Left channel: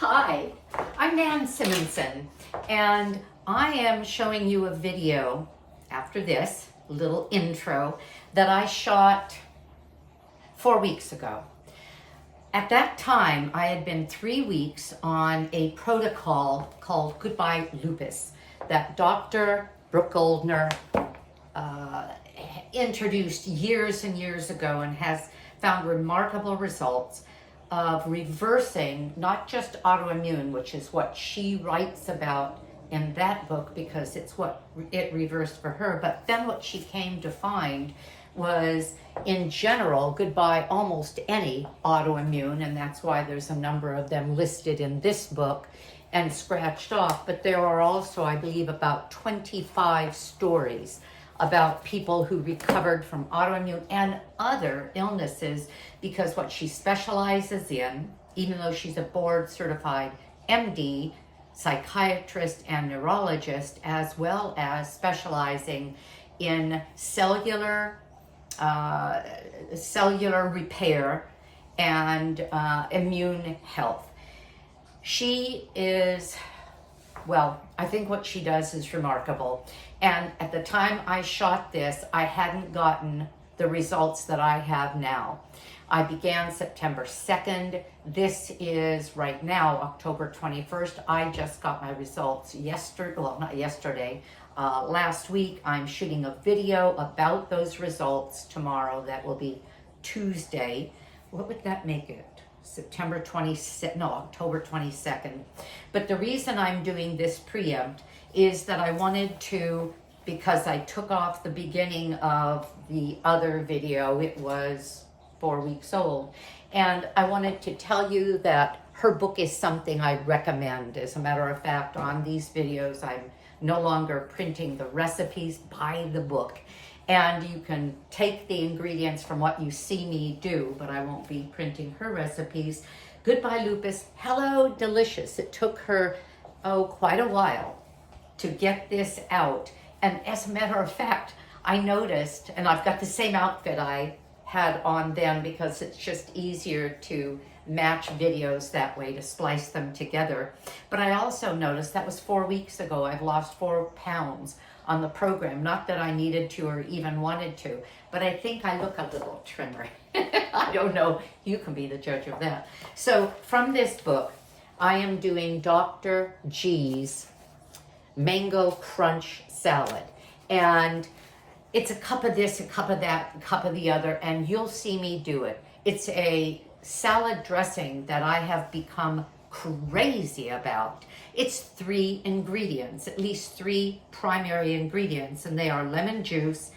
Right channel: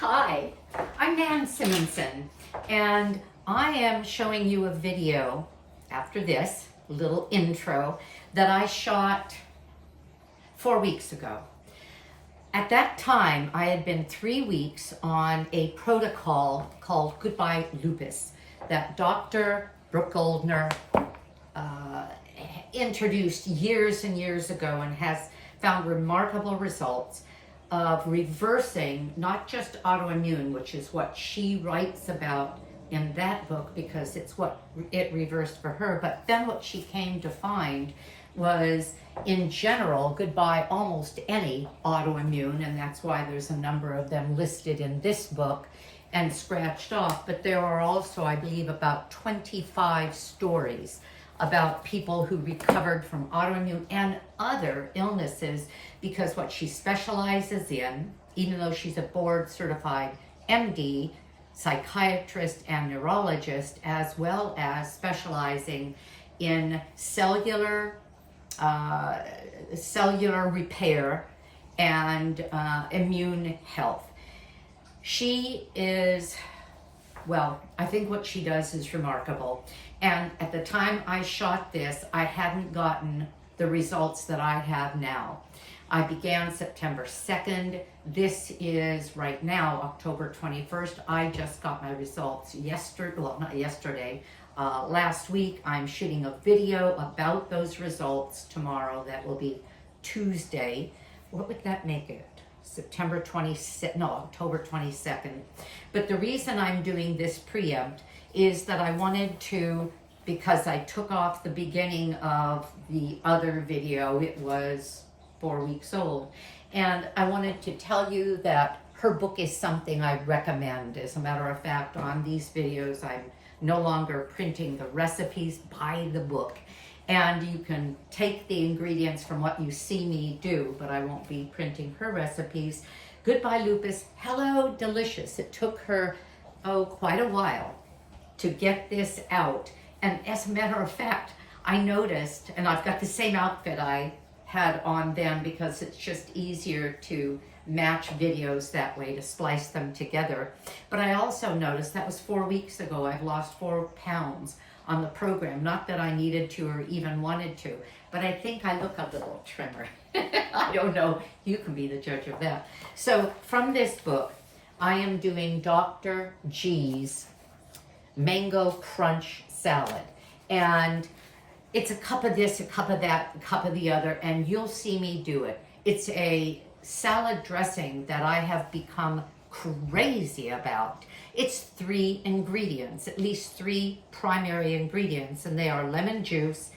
Hi, I'm Nan Simonson, and I am showing you a video after this little intro that I shot 4 weeks ago. At that time, I had been 3 weeks on a protocol called Goodbye Lupus that Dr. Goldner introduced years and years ago and has found remarkable results of reversing not just autoimmune, which is what she writes about in that book because it's what it reversed for her, but then what she came to find was, in general, goodbye almost any autoimmune, and that's why there's a number of them listed in this book and scratched off. But there are also, I believe, about 25 stories about people who recovered from autoimmune and other illnesses, because what she specializes in, even though she's a board certified MD, psychiatrist and neurologist, as well as specializing in cellular repair and immune health. She is, well, I think what she does is remarkable. And at the time I shot this, I hadn't gotten the results that I have now. I began September 2nd. This is right now, October 21st. I just got my results yesterday, well, not yesterday, last week. I'm shooting a video about those results tomorrow. That will be Tuesday. What would that make it? September 22nd, no, October 22nd. But the reason I'm doing this preempt is that I wanted to, because I took off the beginning of the other video, it was 4 weeks old, and I wanted to tell you that her book is something I recommend. As a matter of fact, on these videos, I'm no longer printing the recipes. Buy the book. And you can take the ingredients from what you see me do, but I won't be printing her recipes. Goodbye Lupus Hello Delicious. It took her, quite a while to get this out. And as a matter of fact, I noticed, and I've got the same outfit I had on then because it's just easier to match videos that way, to splice them together. But I also noticed that was 4 weeks ago. I've lost 4 pounds on the program. Not that I needed to or even wanted to, but I think I look a little trimmer. I don't know. You can be the judge of that. So from this book, I am doing Dr. G's Mango Crunch Salad. And it's a cup of this, a cup of that, a cup of the other, and you'll see me do it. It's a salad dressing that I have become crazy about. It's 3 ingredients, at least 3 primary ingredients, and they are lemon juice,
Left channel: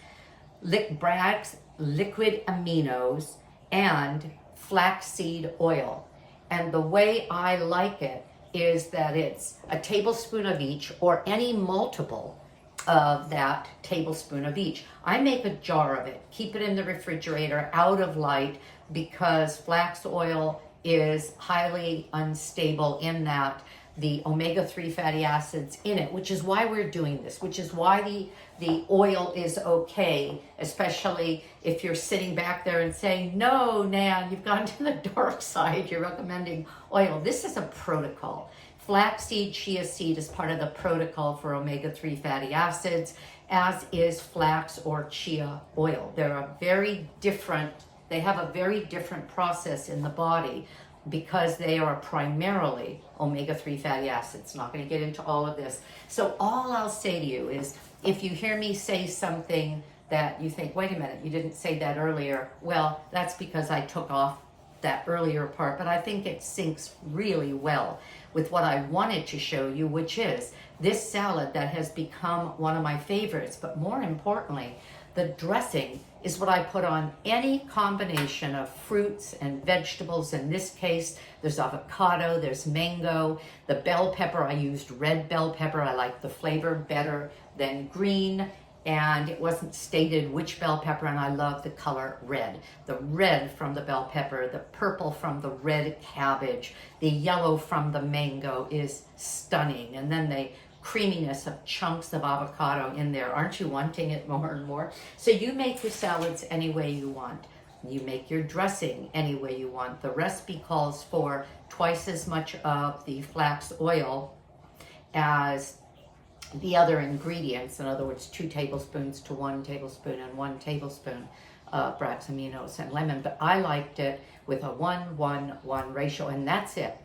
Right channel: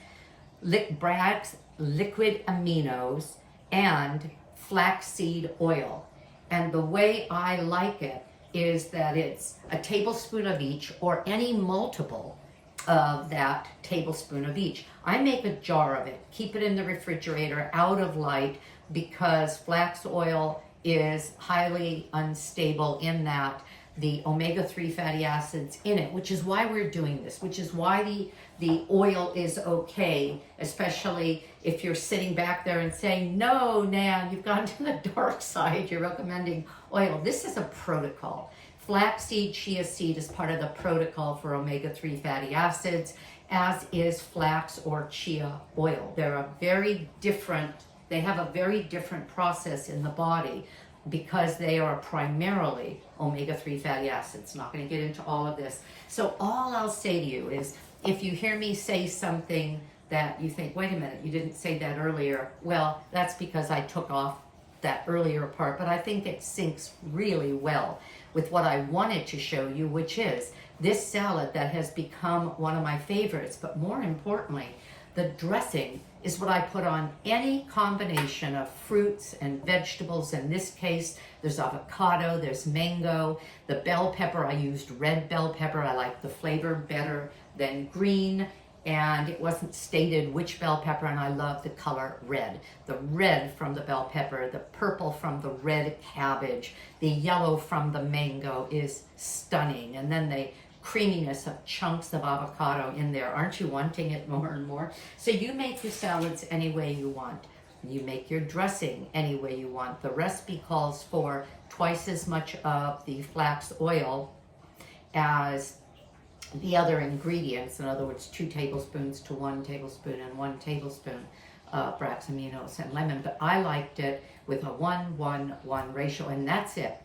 Braggs liquid aminos, and flaxseed oil. And the way I like it is that it's a tablespoon of each, or any multiple of that tablespoon of each. I make a jar of it, keep it in the refrigerator out of light, because flax oil is highly unstable in that the omega-3 fatty acids in it, which is why we're doing this, which is why the oil is okay, especially if you're sitting back there and saying, no, Nan, you've gone to the dark side, you're recommending oil. This is a protocol. Flaxseed, chia seed is part of the protocol for omega-3 fatty acids, as is flax or chia oil. They have a very different process in the body because they are primarily omega-3 fatty acids. Not going to get into all of this. So all I'll say to you is, if you hear me say something that you think, wait a minute, you didn't say that earlier, well, that's because I took off that earlier part, but I think it syncs really well with what I wanted to show you, which is this salad that has become one of my favorites. But more importantly, the dressing is what I put on any combination of fruits and vegetables. In this case, there's avocado, there's mango, the bell pepper. I used red bell pepper. I like the flavor better than green. And it wasn't stated which bell pepper, and I love the color red. The red from the bell pepper, the purple from the red cabbage, the yellow from the mango is stunning. And then the creaminess of chunks of avocado in there. Aren't you wanting it more and more? So you make your salads any way you want. You make your dressing any way you want. The recipe calls for twice as much of the flax oil as the other ingredients. In other words, 2 tablespoons to 1 tablespoon and 1 tablespoon of Braggs Aminos and lemon. But I liked it with a 1-1-1 ratio, and that's it.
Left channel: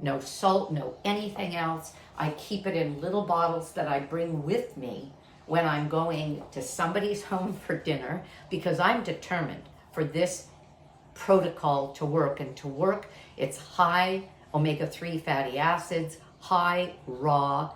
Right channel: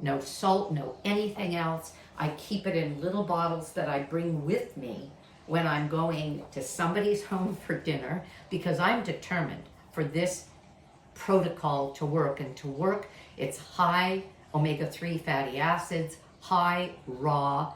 No salt, no anything else. I keep it in little bottles that I bring with me when I'm going to somebody's home for dinner, because I'm determined for this protocol to work. And to work, it's high omega-3 fatty acids, high raw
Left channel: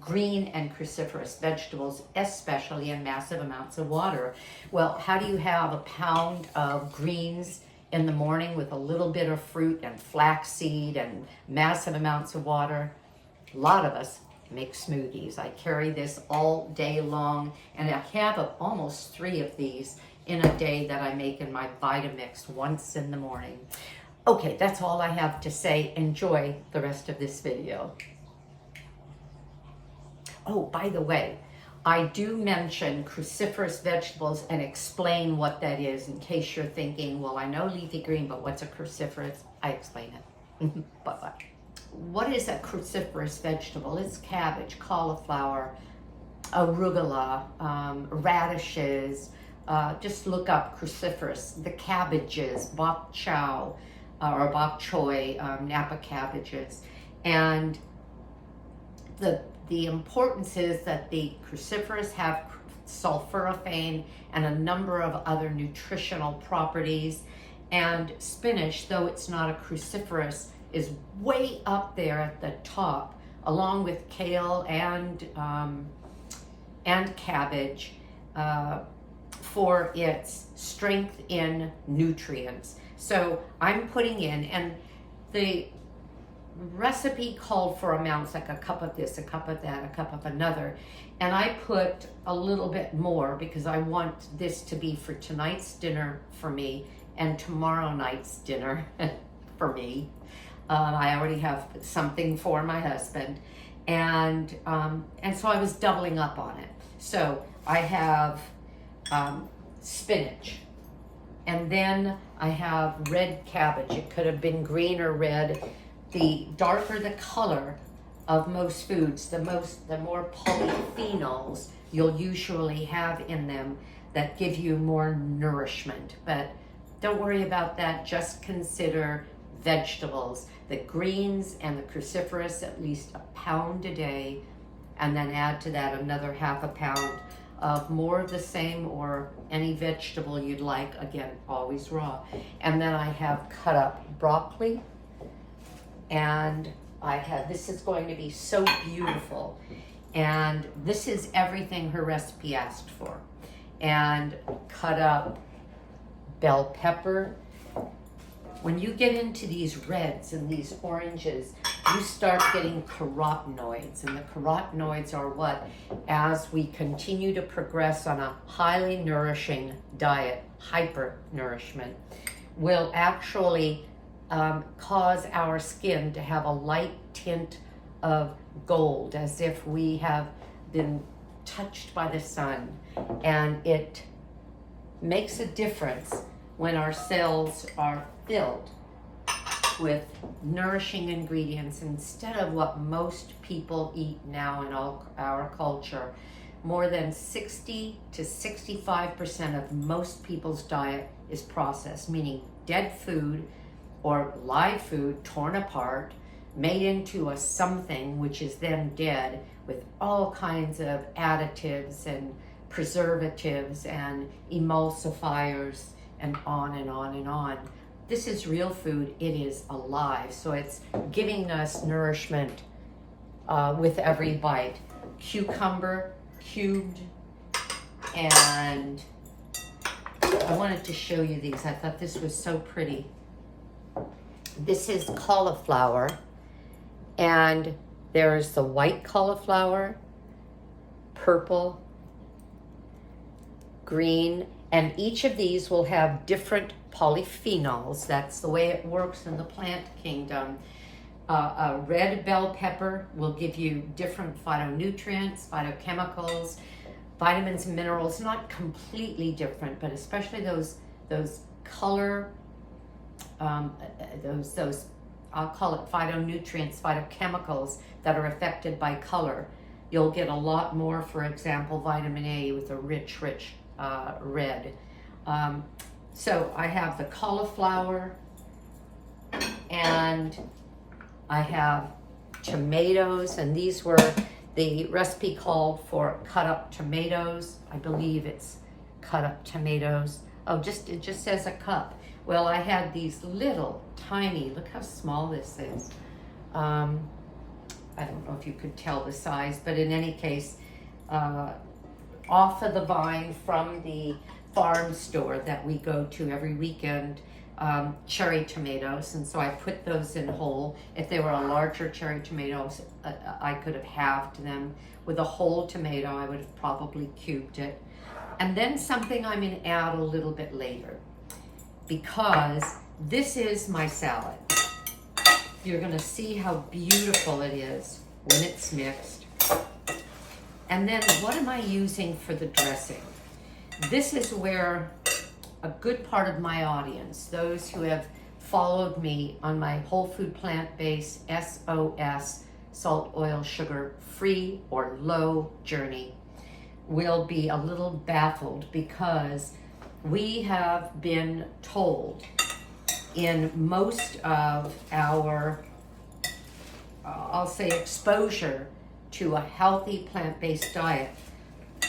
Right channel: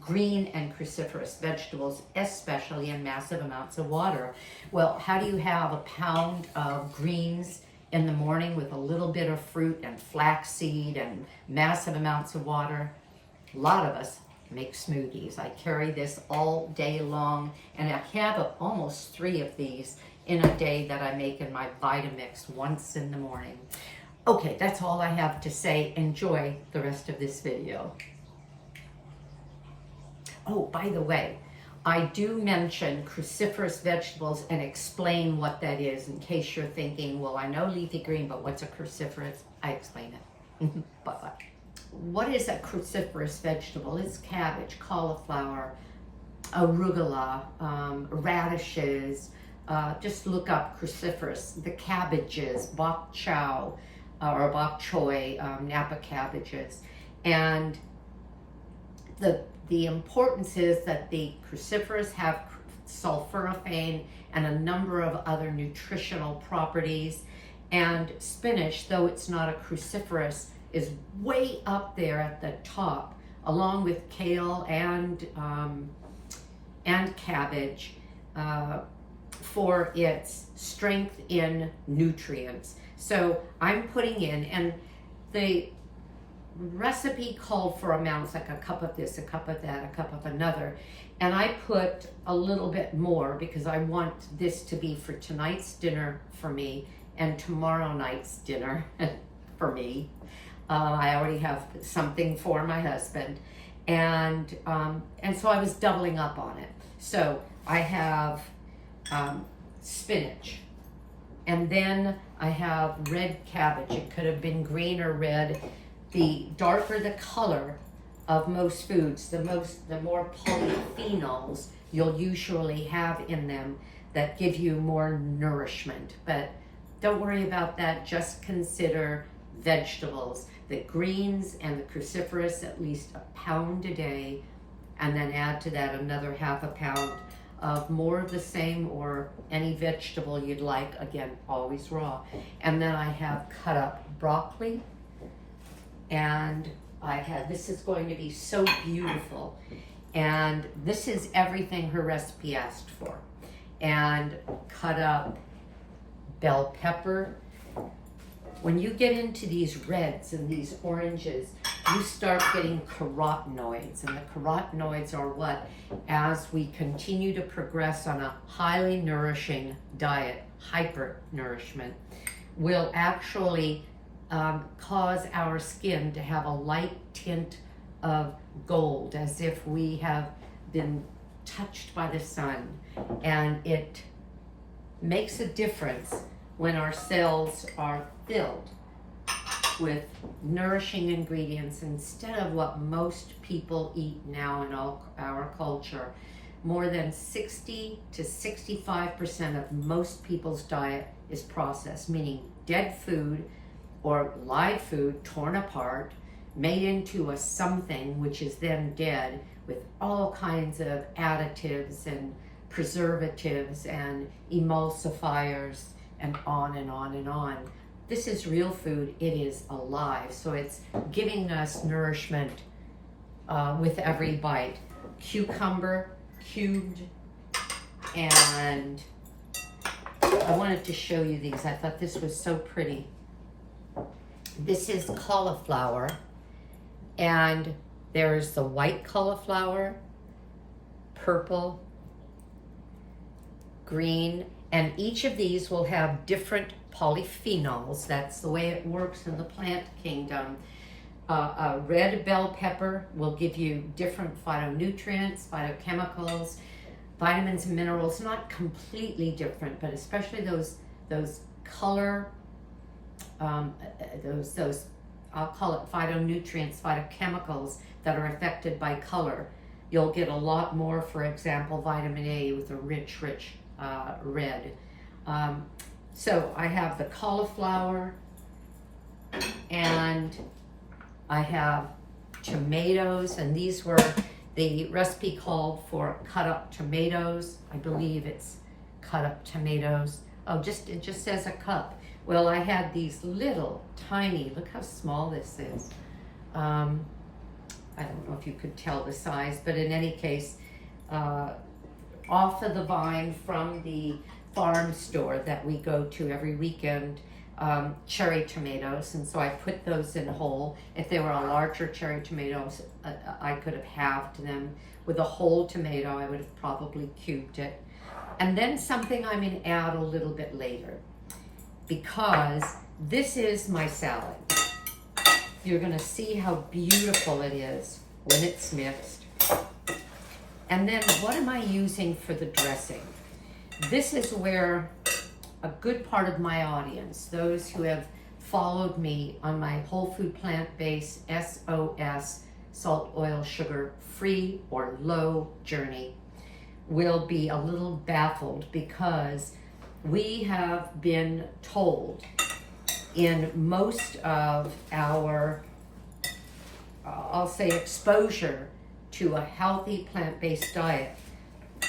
green and cruciferous vegetables, especially in massive amounts of water. Well, how do you have a pound of greens in the morning with a little bit of fruit and flaxseed and massive amounts of water? A lot of us make smoothies. I carry this all day long, and I have almost 3 of these in a day that I make in my Vitamix once in the morning. Okay, that's all I have to say. Enjoy the rest of this video. Oh, by the way, I do mention cruciferous vegetables and explain what that is in case you're thinking, well, I know leafy green, but what's a cruciferous? I explain it. Bye-bye. What is a cruciferous vegetable? It's cabbage, cauliflower, arugula, radishes. Just look up cruciferous. The cabbages, bok choy, or bok choy, Napa cabbages. And the importance is that the cruciferous have sulforaphane and a number of other nutritional properties. And spinach, though it's not a cruciferous, is way up there at the top, along with kale and cabbage, for its strength in nutrients. So I'm putting in, and the recipe called for amounts like a cup of this, a cup of that, a cup of another. And I put a little bit more because I want this to be for tonight's dinner for me and tomorrow night's dinner for me. I already have something for my husband. And so I was doubling up on it. So I have spinach, and then I have red cabbage. It could have been green or red. The darker the color of most foods, the more polyphenols you'll usually have in them that give you more nourishment. But don't worry about that. Just consider vegetables, the greens and the cruciferous, at least a pound a day, and then add to that another half a pound of more of the same or any vegetable you'd like, again, always raw. And then I have cut up broccoli, and this is going to be so beautiful. And this is everything her recipe asked for. And cut up bell pepper. When you get into these reds and these oranges, you start getting carotenoids. And the carotenoids are what, as we continue to progress on a highly nourishing diet, hyper-nourishment, will actually cause our skin to have a light tint of gold, as if we have been touched by the sun. And it makes a difference when our cells are filled with nourishing ingredients instead of what most people eat now in our culture. More than 60 to 65% of most people's diet is processed, meaning dead food or live food torn apart, made into a something which is then dead, with all kinds of additives and preservatives and emulsifiers and on and on and on. This is real food. It is alive. So it's giving us nourishment with every bite. Cucumber, cubed, and I wanted to show you these. I thought this was so pretty. This is cauliflower, and there's the white cauliflower, purple, green, and each of these will have different polyphenols. That's the way it works in the plant kingdom. A red bell pepper will give you different phytonutrients, phytochemicals. vitamins and minerals, not completely different, but especially those color, those I'll call it phytonutrients, phytochemicals that are affected by color. You'll get a lot more, for example, vitamin A with a rich red. So I have the cauliflower, and I have tomatoes, and these were, the recipe called for cut up tomatoes. I believe it's cut up tomatoes. Oh, it just says a cup. Well, I had these little tiny, look how small this is. I don't know if you could tell the size, but in any case, off of the vine from the farm store that we go to every weekend, cherry tomatoes, and so I put those in whole. If they were a larger cherry tomatoes, I could have halved them. With a whole tomato, I would have probably cubed it. And then something I'm going to add a little bit later, because this is my salad. You're going to see how beautiful it is when it's mixed. And then what am I using for the dressing? This is where a good part of my audience, those who have followed me on my whole food plant-based SOS, salt, oil, sugar, free or low journey, will be a little baffled, because we have been told in most of our, I'll say, exposure to a healthy plant-based diet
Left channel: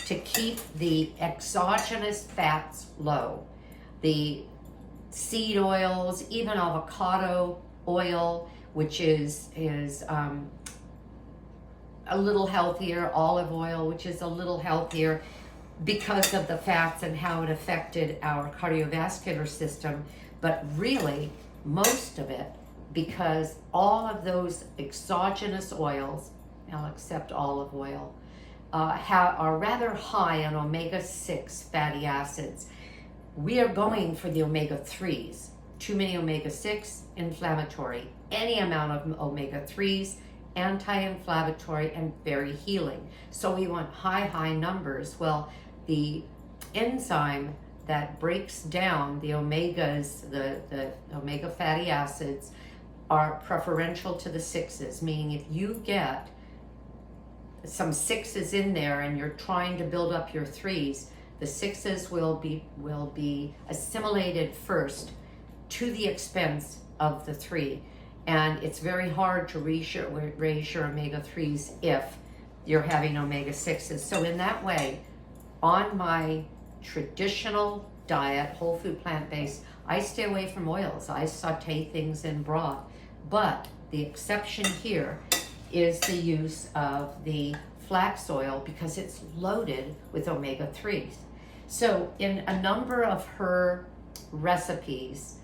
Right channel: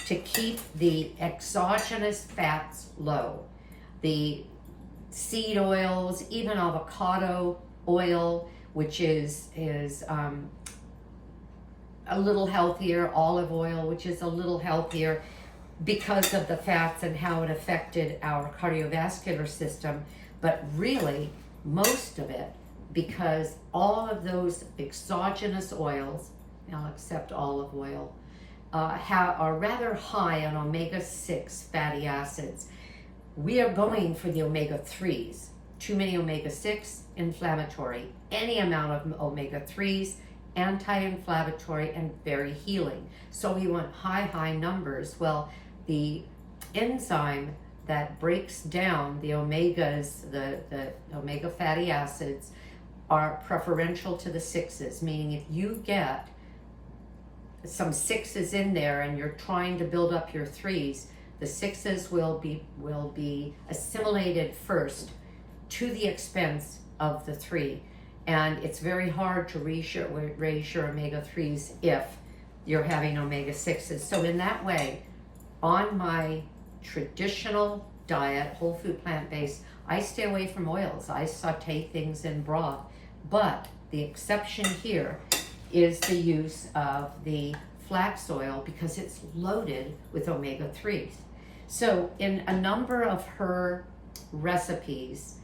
to keep the exogenous fats low. The seed oils, even avocado oil, which is a little healthier, olive oil, which is a little healthier because of the fats and how it affected our cardiovascular system, but really most of it because all of those exogenous oils, now except olive oil, are rather high on omega-6 fatty acids. We are going for the omega-3s. Too many omega-6, inflammatory. Any amount of omega-3s, anti-inflammatory and very healing. So we want high numbers. Well, the enzyme that breaks down the omegas, the omega fatty acids, are preferential to the 6s, meaning if you get some 6s in there and you're trying to build up your 3s, the 6s will be assimilated first to the expense of the 3. And it's very hard to raise your omega-3s if you're having omega-6s. So in that way, on my traditional diet, whole food plant-based, I stay away from oils. I saute things in broth. But the exception here is the use of the flax oil because it's loaded with omega-3s. So in a number of her recipes,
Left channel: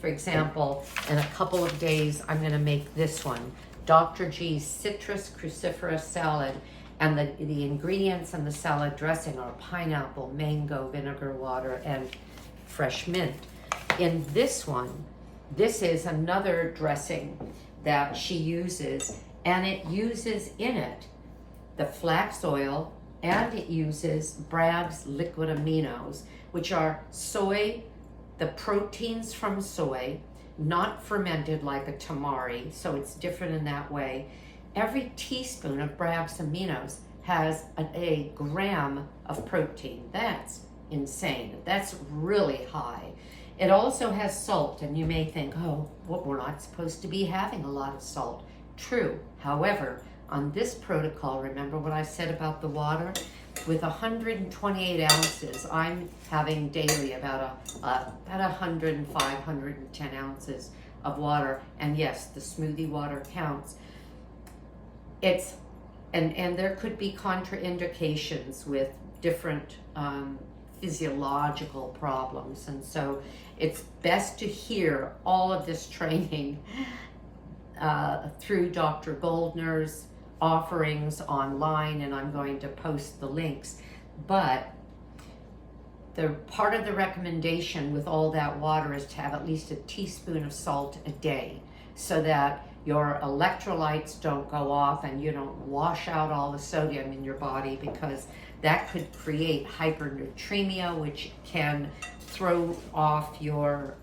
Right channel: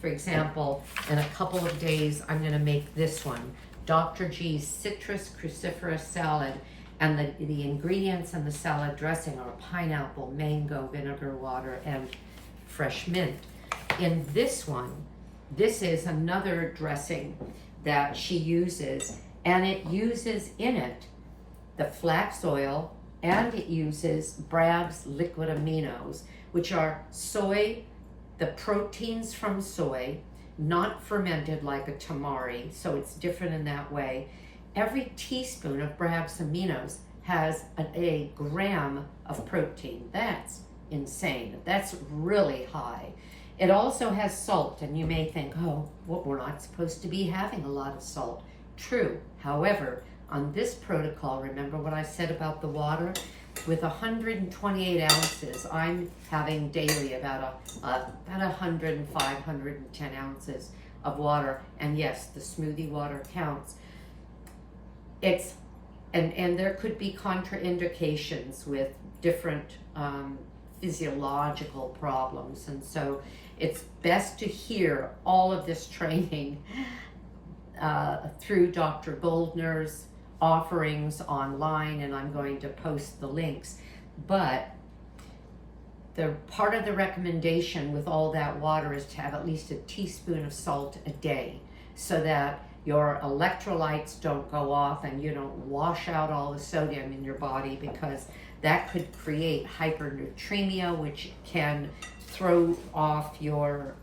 for example, in a couple of days, I'm going to make this one, Dr. G's citrus cruciferous salad, and the ingredients in the salad dressing are pineapple, mango, vinegar water, and fresh mint. In this one, this is another dressing that she uses, and it uses in it the flax oil, and it uses Braggs liquid aminos, which are soy, the proteins from soy, not fermented like a tamari, so it's different in that way. Every teaspoon of Braggs Aminos has a gram of protein. That's insane. That's really high. It also has salt, and you may think, oh, well, we're not supposed to be having a lot of salt. True. However, on this protocol, remember what I said about the water? With 128 ounces, I'm having daily about 105, 110 ounces of water. And yes, the smoothie water counts. It's, and there could be contraindications with different physiological problems. And so it's best to hear all of this training through Dr. Goldner's offerings online, and I'm going to post the links. But the part of the recommendation with all that water is to have at least a teaspoon of salt a day, so that your electrolytes don't go off and you don't wash out all the sodium in your body, because that could create hypernatremia, which can throw off your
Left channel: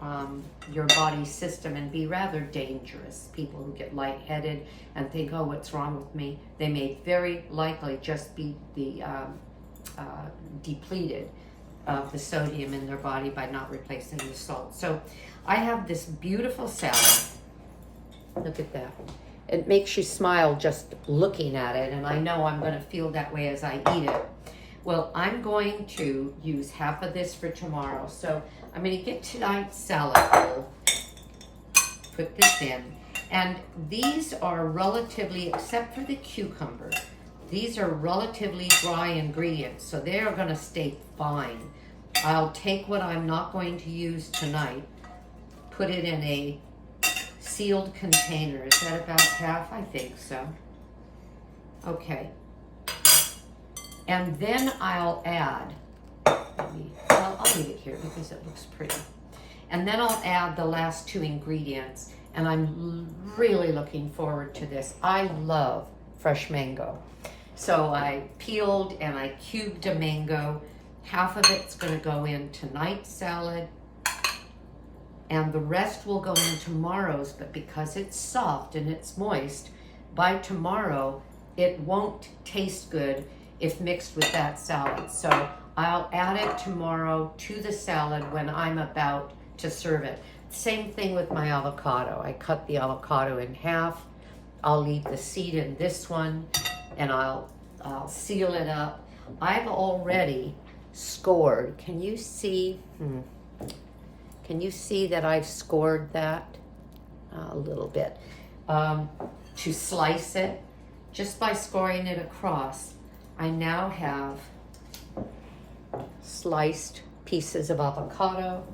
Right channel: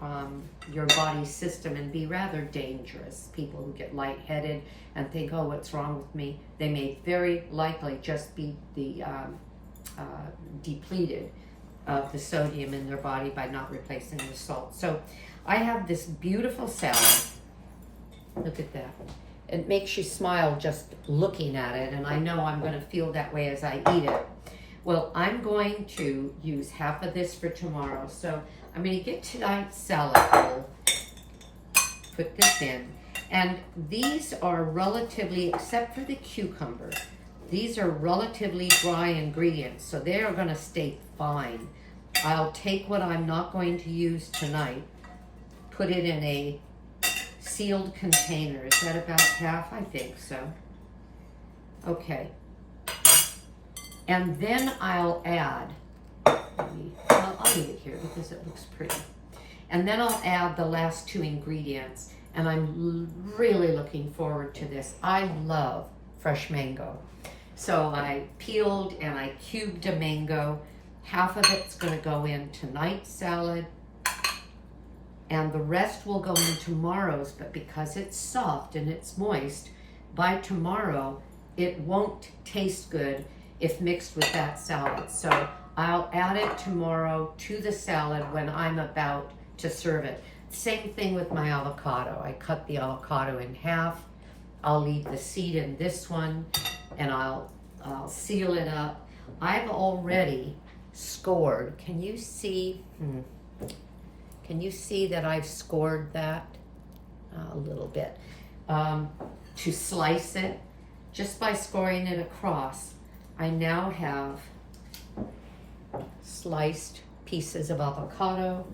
body's system and be rather dangerous. People who get lightheaded and think, oh, what's wrong with me? They may very likely just be depleted of the sodium in their body by not replacing the salt. So I have this beautiful salad. Look at that. It makes you smile just looking at it, and I know I'm going to feel that way as I eat it. Well, I'm going to use half of this for tomorrow. So I'm going to get tonight's salad bowl, put this in, and these are relatively, except for the cucumber, these are relatively dry ingredients, so they are going to stay fine. I'll take what I'm not going to use tonight, put it in a sealed container. Is that about half? I think so. Okay. And then I'll add, I'll leave it here because it looks pretty. And then I'll add the last two ingredients, and I'm really looking forward to this. I love fresh mango. So I peeled and I cubed a mango. Half of it's going to go in tonight's salad, and the rest will go in tomorrow's, but because it's soft and it's moist, by tomorrow it won't taste good if mixed with that salad. So I'll add it tomorrow to the salad when I'm about to serve it. Same thing with my avocado. I cut the avocado in half. I'll leave the seed in this one, and I'll seal it up. I've already scored. Can you see? Can you see that I've scored that? A little bit. To slice it, just by scoring it across, I now have sliced pieces of avocado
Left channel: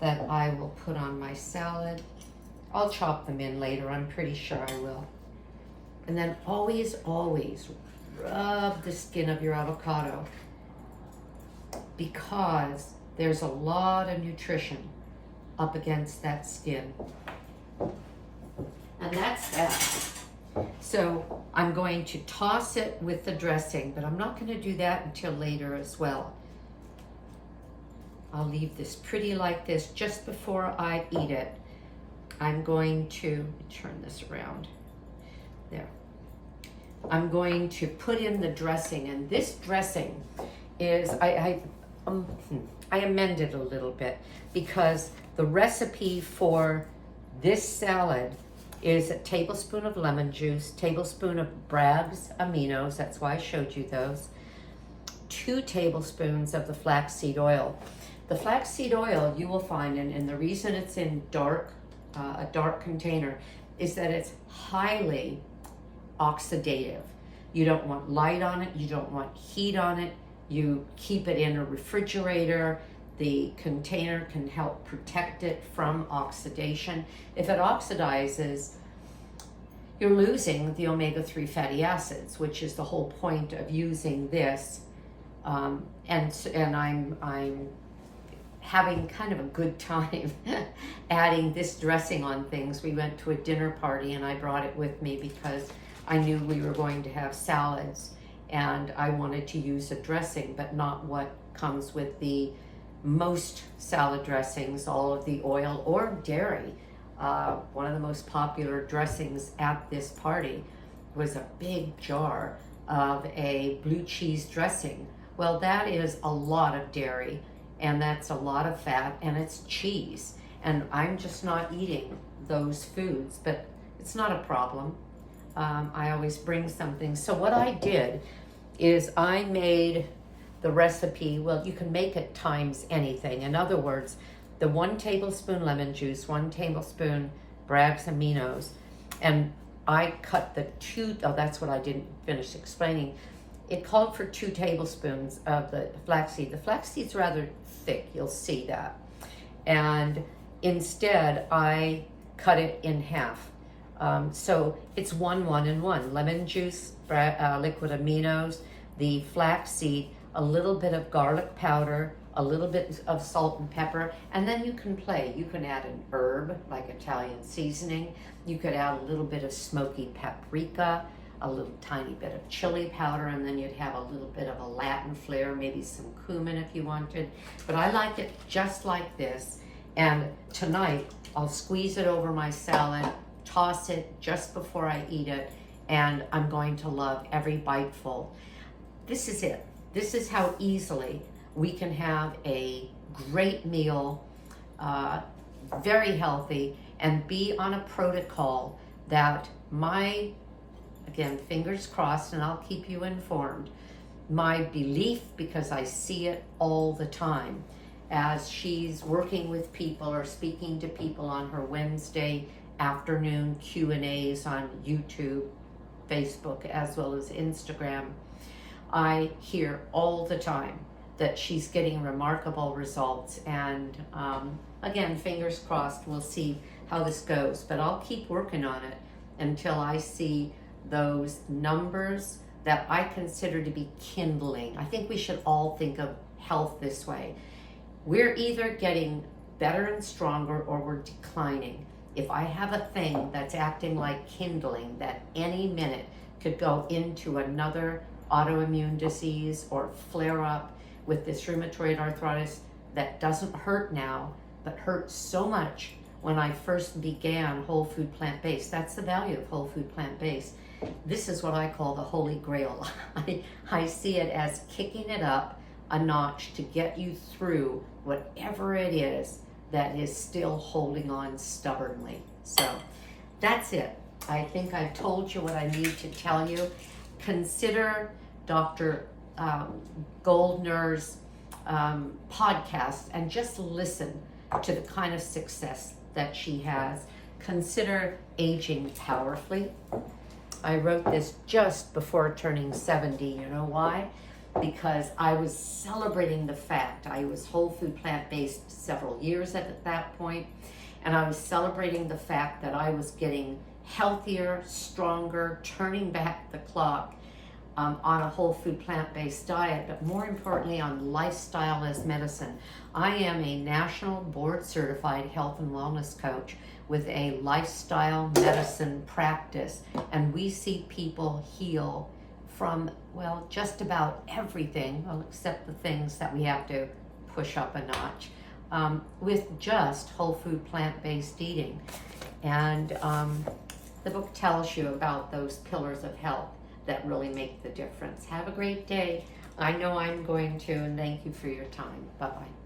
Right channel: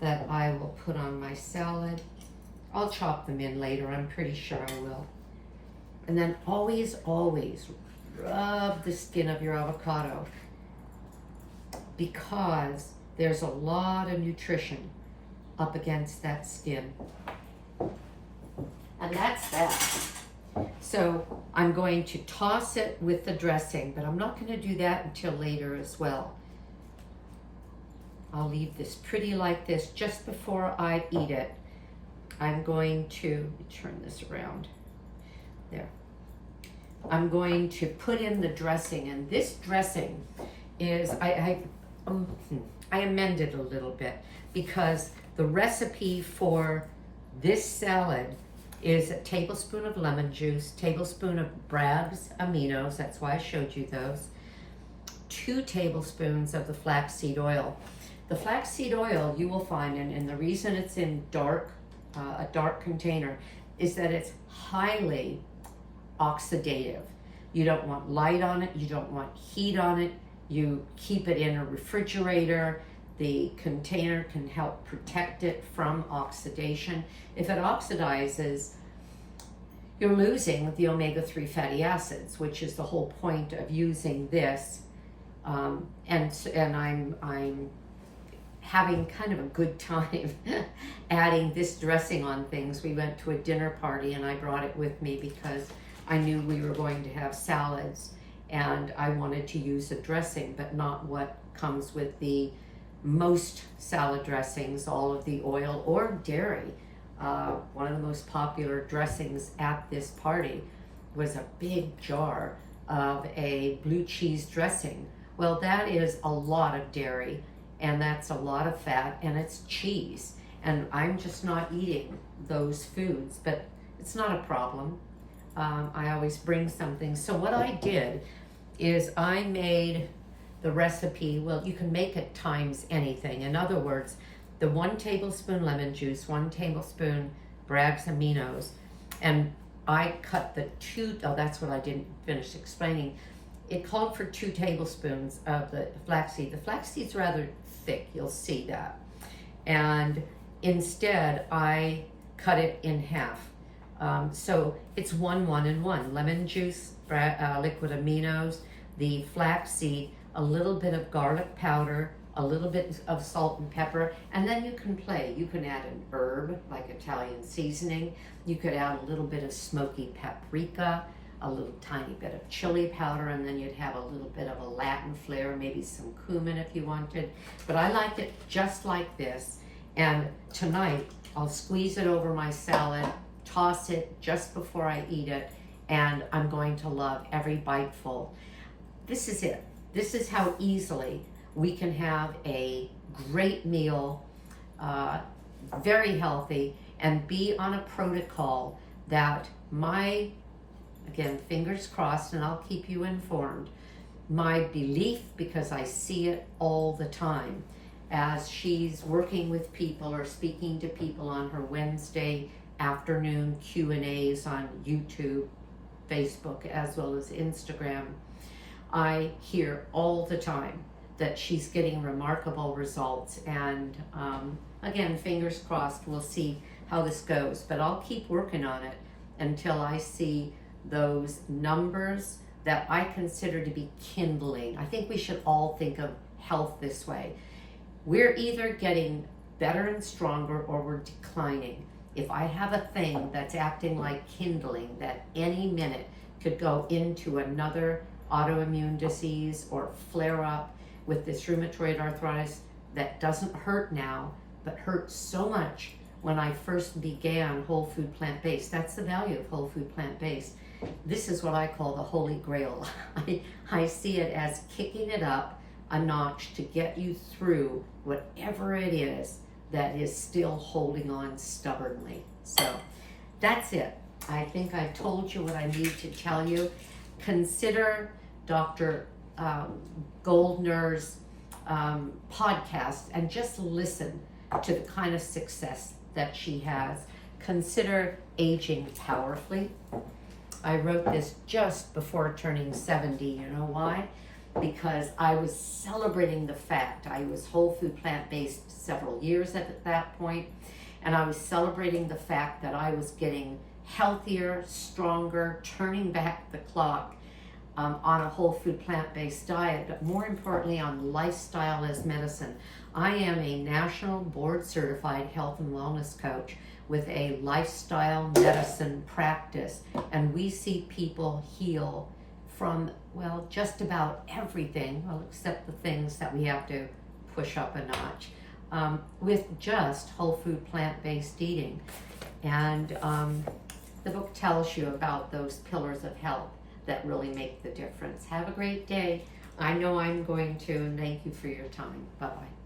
that I will put on my salad. I'll chop them in later, I'm pretty sure I will. And then always, always rub the skin of your avocado, because there's a lot of nutrition up against that skin. And that's that. So I'm going to toss it with the dressing, but I'm not going to do that until later as well. I'll leave this pretty like this just before I eat it. I'm going to turn this around. There. I'm going to put in the dressing, and this dressing is, I amended a little bit, because the recipe for this salad is a tablespoon of lemon juice, tablespoon of Braggs Aminos, that's why I showed you those, 2 tablespoons of the flaxseed oil. The flaxseed oil you will find, and the reason it's in a dark container, is that it's highly oxidative. You don't want light on it, you don't want heat on it, you keep it in a refrigerator. The container can help protect it from oxidation. If it oxidizes, you're losing the omega-3 fatty acids, which is the whole point of using this. And I'm having kind of a good time adding this dressing on things. We went to a dinner party and I brought it with me because I knew we were going to have salads, and I wanted to use a dressing, but not what comes with the most salad dressings, all of the oil or dairy. One of the most popular dressings at this party was a big jar of a blue cheese dressing. Well, that is a lot of dairy, and that's a lot of fat, and it's cheese. And I'm just not eating those foods, but it's not a problem. I always bring something. So what I did is I made the recipe, well, you can make it times anything. In other words, the 1 tablespoon lemon juice, 1 tablespoon Braggs Aminos, and I cut the 2, that's what I didn't finish explaining. It called for 2 tablespoons of the flaxseed. The flaxseed's rather thick, you'll see that. And instead, I cut it in half. So it's 1, 1, and 1. Lemon juice, liquid aminos, the flaxseed, a little bit of garlic powder, a little bit of salt and pepper, and then you can play. You can add an herb like Italian seasoning. You could add a little bit of smoky paprika, a little tiny bit of chili powder, and then you'd have a little bit of a Latin flair, maybe some cumin if you wanted. But I like it just like this. And tonight, I'll squeeze it over my salad, toss it just before I eat it, and I'm going to love every biteful. This is it. This is how easily we can have a great meal, very healthy, and be on a protocol that again, fingers crossed, and I'll keep you informed, my belief, because I see it all the time, as she's working with people or speaking to people on her Wednesday afternoon Q&As on YouTube, Facebook, as well as Instagram, I hear all the time that she's getting remarkable results. And again, fingers crossed, we'll see how this goes. But I'll keep working on it until I see those numbers that I consider to be kindling. I think we should all think of health this way. We're either getting better and stronger or we're declining. If I have a thing that's acting like kindling that any minute could go into another autoimmune disease or flare up with this rheumatoid arthritis that doesn't hurt now, but hurt so much when I first began whole food plant-based. That's the value of whole food plant-based. This is what I call the holy grail. I see it as kicking it up a notch to get you through whatever it is that is still holding on stubbornly. So that's it. I think I've told you what I need to tell you. Consider Dr. Goldner's podcast and just listen to the kind of success that she has. Consider aging powerfully. I wrote this just before turning 70. You know why? Because I was celebrating the fact I was whole food plant-based several years at that point, and I was celebrating the fact that I was getting healthier, stronger, turning back the clock on a whole food plant-based diet, but more importantly on lifestyle as medicine. I am a national board certified health and wellness coach with a lifestyle medicine practice, and we see people heal from, well, just about everything, well, except the things that we have to push up a notch, with just whole food plant-based eating. And the book tells you about those pillars of health that really make the difference. Have a great day. I know I'm going to, and thank you for your time. Bye-bye.